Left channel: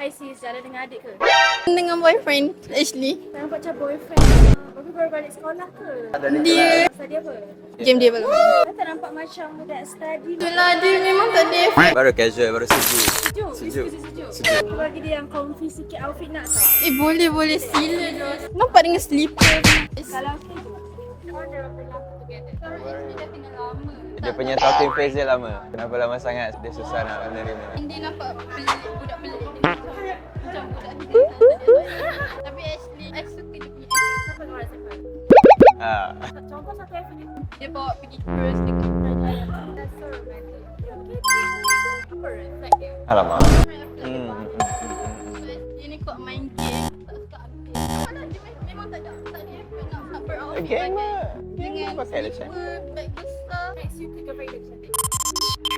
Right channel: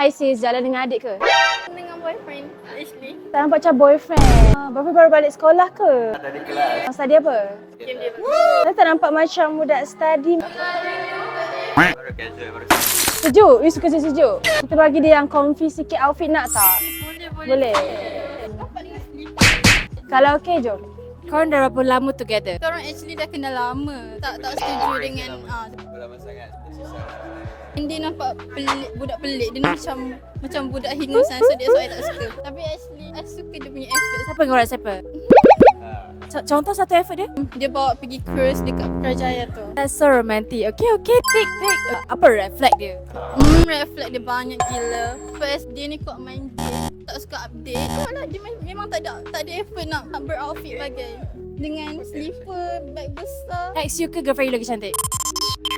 Hi sis, jalan dengan adik ke? Dengan boyfriend Ashley. Tak nampak macam boyfriend. Boyfriend baru balik sekolah ke? Dia Study apa? game dia bagus. Saya tak nampak macam budak study. Itulah dia memang tak ada. Baru casual, baru sejuk. Sejuk? You suka sejuk? Kita bagi dia yang comfy sikit outfit nak tak? Boleh. Boleh. Sila Jos. Nampak dengan slipper. Kalau okey, jom. Korang dah berapa lama together? Korang actually dah kenal lama. Dia punya starting phase dia lama. Kenapa lama sangat? Dia susah nak menerima. Dia nampak pelik, budak pelik. Dia macam budak hingusan. So that's why I tak suka. Tapi actually I suka dia punya effort. Siapa yang orang siapa? Contoh satu effort dia? Dia bawa pergi cruise dekat Kerajaya tu. That's so romantic. Okay, tik. Apa red flag dia? Alamak. Red flag dia banyak gila. First dia ni kuat main game, tak suka update. Alah dia memang tak ada effort nak beroutfit bagai. Dengan slipper, bag besar. Ex you ke girlfriend you lagi cantik?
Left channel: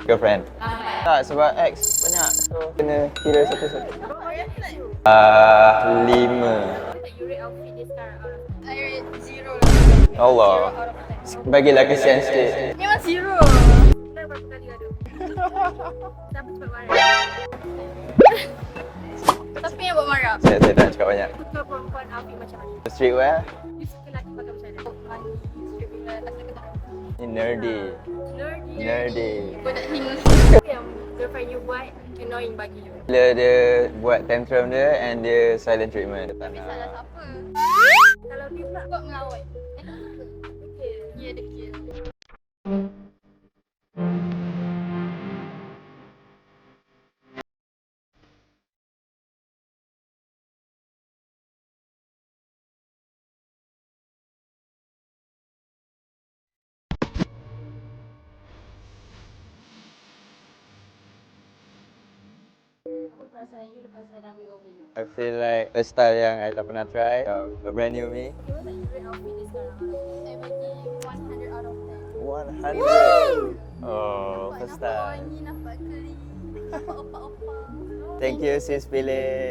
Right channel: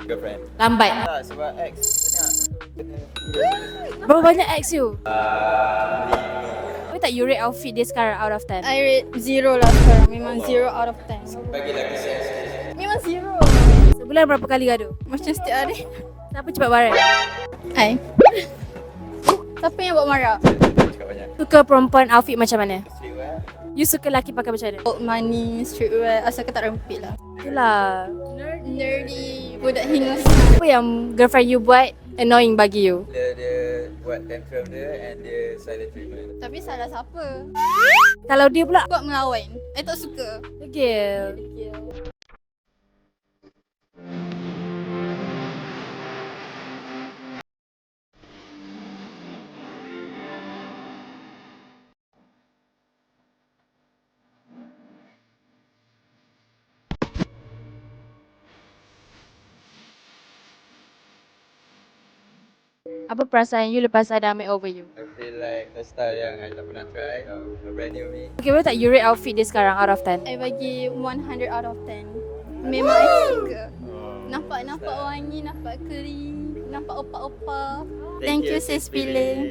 Girlfriend. Lambat. Tak, sebab ex banyak. So, kena kira satu-satu. Berapa banyak ex you? 5. Boleh tak you rate outfit dia sekarang out of 10? I rate 0 lah sekarang. Memang Allah. 0 out of 10. Bagilah kesian sikit. Memang 0. Sebulan berapa kali gaduh? Macam setiap hari. Kenapa cepat marah? Hai. Siapa yang buat marah? Saya tak cakap banyak. Suka perempuan outfit macam mana? Streetwear. You suka lelaki pakai macam mana? Old money, streetwear, asal tak rempit lah. Ni nerdy. Lah. Nerdy. Budak hingus. Apa yang girlfriend you buat annoying bagi you? Bila dia buat tantrum dia and dia silent treatment. Tapi salah siapa? Kalau dia pula Buat melawan. I tak suka. Dia degil. degil. Apa perasaan you lepas ada ambil over you? I feel like a style yang I tak pernah try. A brand new me. Okay, boleh tak you rate outfit dia sekarang out of 10? I bagi 100 out of 10. 100. Memang I suka. Oh, Nampak style. wangi, nampak clean, nampak opa-opa. Thank you sis Billy.